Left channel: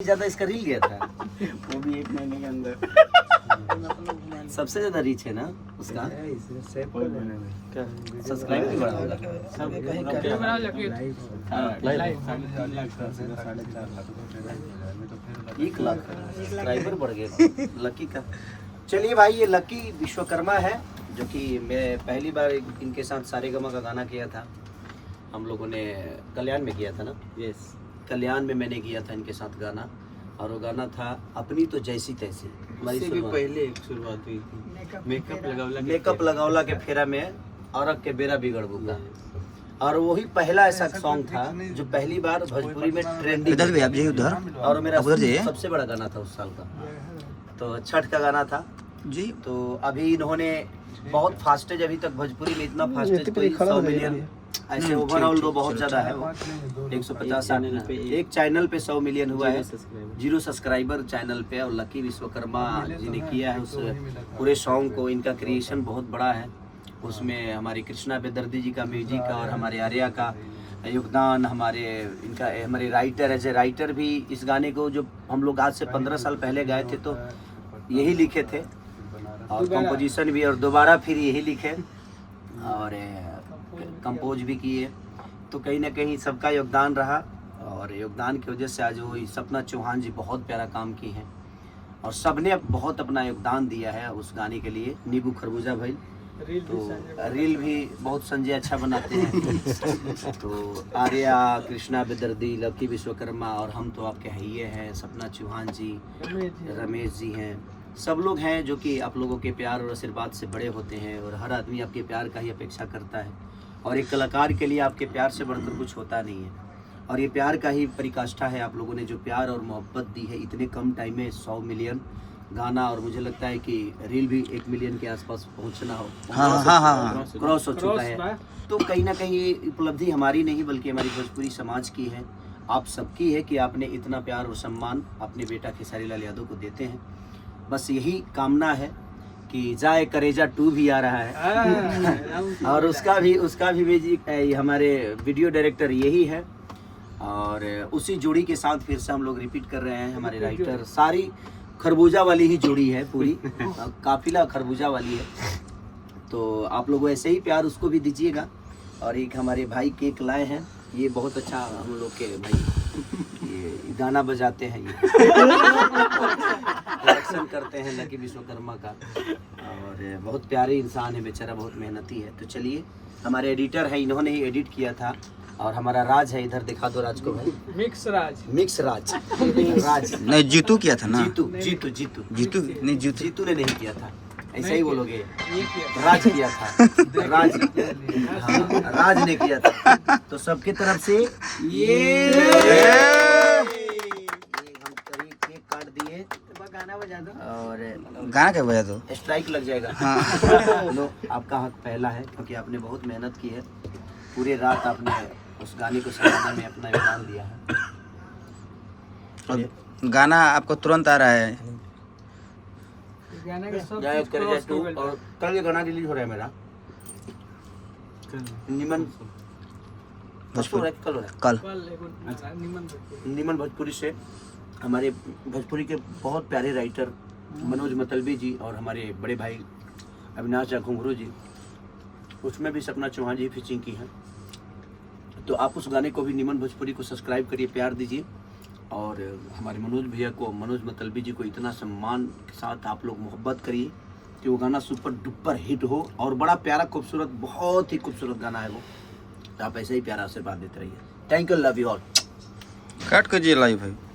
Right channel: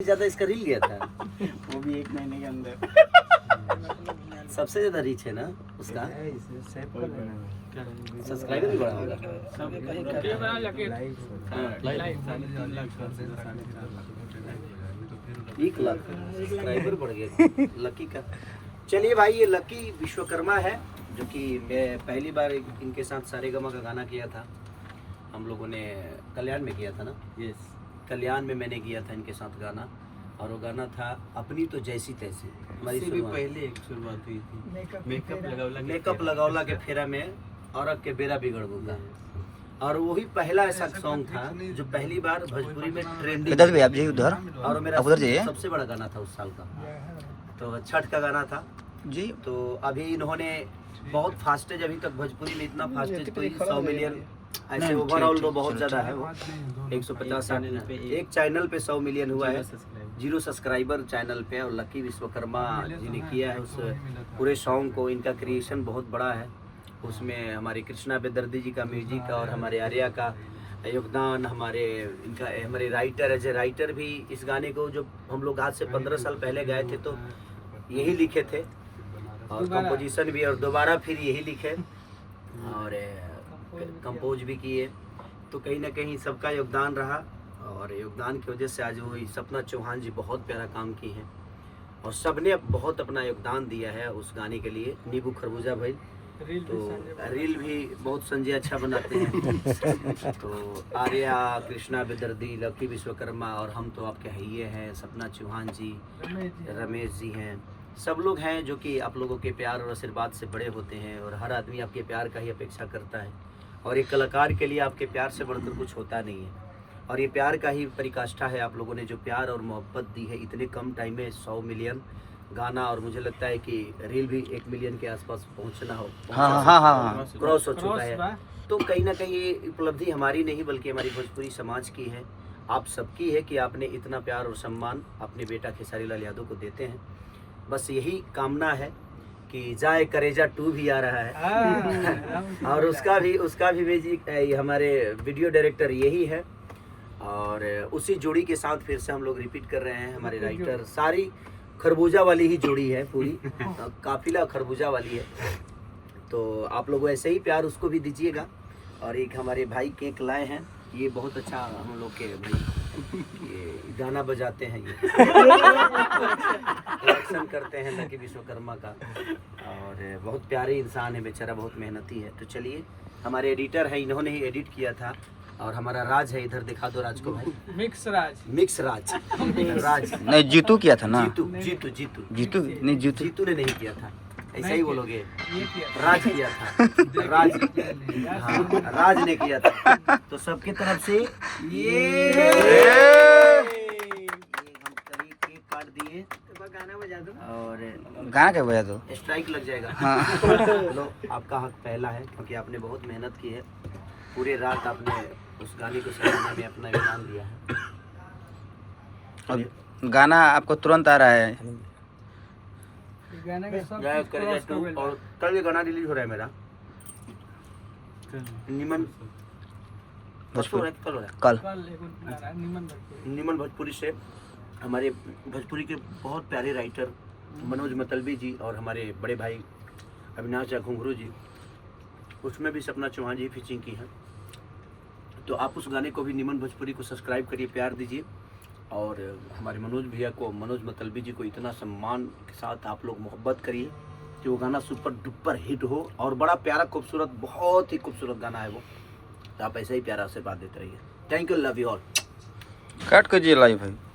ज्यादा इसका रील गया था वो भी 1 महीने के अंदर। सबसे ज्यादा रीच है ना उसका, सब्सक्राइबर भी बड़ा होगा। 1 लाख सब्सक्राइबर बढ़ गए लकी का। चलिए भाई, ये लकी विश्वकर्मा है जो कि मैं पहली बार इनके साथ सारेगामा का गाना किया था। हम लोगों ने कल्याण में किया था ना, यस, कल्याण में मैंने किया था इनके साथ गाना, और वो गाना था अपनी तो जैसी तैसी। हमारी भी पहले एक शुरुआत हुई थी, मेकअप लगावला के फेरा में औरत के बेरा बिगड़ बुका, और वही पहला ऐसा सॉन्ग था जो पहली बार भोजपुरी में ट्रेंडिंग। इधर भी आप जी, उधर और मेरा उधर जाइए। सबसे बड़ा गाना था उस साल का, तो छठ का गाना था जी। तो अभी इन्होंने बहुत फास्टेज, अभी तक भोजपुरी में इतना फास्टेज कोई 100 मिलियन ऐसे ओवरऑल तो बहुत ज्यादा है, 150 एक चैनल पे 100 मिलियन हुआ है, 0 सब्सक्राइबर चैनल पे। और लकी विश्वकर्मा जी ने किया है उस पूरे सॉन्ग को, इनका क्रिएशन बहुत बड़ा है। उसमें हमारी कृष्णा बेदर्दी जी का म्यूजिक और हमारे आर्या का योगदान, हमारे राइटर एज ए राइटर भी इस गाने को, जो हम लोग आज से 15 साल पहले गाए थे तो यही लिखे थे, और कंपोजिशन भी, और दोबारा फिर यही लिखे और कंपोज भी किए। तो कहीं ना कहीं सबका योगदान रहा, और योगदान की वजह से आज वो सपना चौहान जी बहुत प्यारा काम की हैं, और सबने बहुत अपना योगदान दिया है उस गाने के लिए। नींबू खरबूजा भाई तो रील भी बहुत संजय अच्छा बनाते हैं। तो आर्या, कृष्णा बेदर्दी, लकी विश्वकर्मा, और हम तो आपके हइये हैं, सपना चौहान जी, रमेश जी हैं, सब लोग हैं जो कि आप लोगों के प्यार और आशीर्वाद से बड़े होते हैं, और हर आदमी आपके प्यार का ही अपेक्षा करता है, और एक कलाकार के लिए आपके प्यार से बढ़कर कुछ होता नहीं है, और ये प्यार का ही परिकाष्ठा है। आप लोगों ने जो प्यार और मोहब्बत दी है इतने कम टाइम में, 100 मिलियन गाना, और मुझे लगता है कि रील भी 1 मिलियन के आसपास पहुंचना हो, हाँ क्रॉस हो चुका है। तो कहीं ना कहीं ये उपलब्धि हमारी नहीं बल्कि हमारी भोजपुरी समाज की है, आप सबकी है कि आपने इतना प्यार और सम्मान अपने बेटा खेसारी लाल यादव को देते हैं। बस यही कामना है कि जाए करेजा 2 भी आ रहा है और उसका भी म्यूजिक हमारे वीडियो डायरेक्टर यही है, और उसी जोड़ी के साथ फिर से हम लोग रिपीट कर रहे हैं। हमारे राइटर सारी खरबूजा वाली ही जोड़ी है, पूरी काफिला खरबूजा वाली है। तो आप लोग ऐसे ही प्यार उसको भी दीजिएगा। और एक हमारे भाई केक लाए हैं, ये बहुत अच्छा हम लोग के भाई ये गाना बजाते हैं, ये एक्शन करते हैं लकी विश्वकर्मा का, और बहुत प्यारे इंसान है बेचारा, बहुत मेहनती है। तो चलिए, हमारे एडिटर है, इन्होंने ही एडिट किया था, और हमारा राज है, इधर दिखा दो राज को भाई, मिक्स राज नहीं, जीतू किया था ना, जीतू नहीं, जीतू ने नहीं किया था, ऐसा ही बोलोगे, राज किया था, राज ने किया था। तो सबकी तरफ से ये हम केक काट दिए, गाना बजा दो, और गाना क्या बजा दो, स्ट्राइक लग जाएगा। हाँ। लो, आपका हक पहला है, क्योंकि आपने बहुत मेहनत की है, पूरे रात आपने उस गाने को सजाने में अपना योगदान दिया है। अब गाना आपको तुरंत आ रहा है, और कल ये गाना रिलीज हो रहा है मेरा, निमन भोजपुरी कल हो रहा कल है, निमन भोजपुरी से। हमारे भोजपुरी के बहुत प्यारे राइटर मनोज मतलबी जी, और हमारे बड़े भाई अविनाश घुंघरू जी, उसमें भी सपना चौहान जी फीचिंग की है। तो आप उस गाने को भी निमन भोजपुरी को सब्सक्राइब करिए, प्यार दीजिए, और हमारे मनोज भैया को, मनोज मतलबी जी को इतना सम्मान के साथ आप लोग मोहब्बत करिए कि वो गाना सुपर डुपर हिट हो, और बड़ा प्यारा खूबसूरत, बहुत ही खूबसूरत गाना है वो। तो आप ऐसे ही प्यारा आशीर्वाद देते रहिए। Thank you, love you all. काट कर जी लाइव है।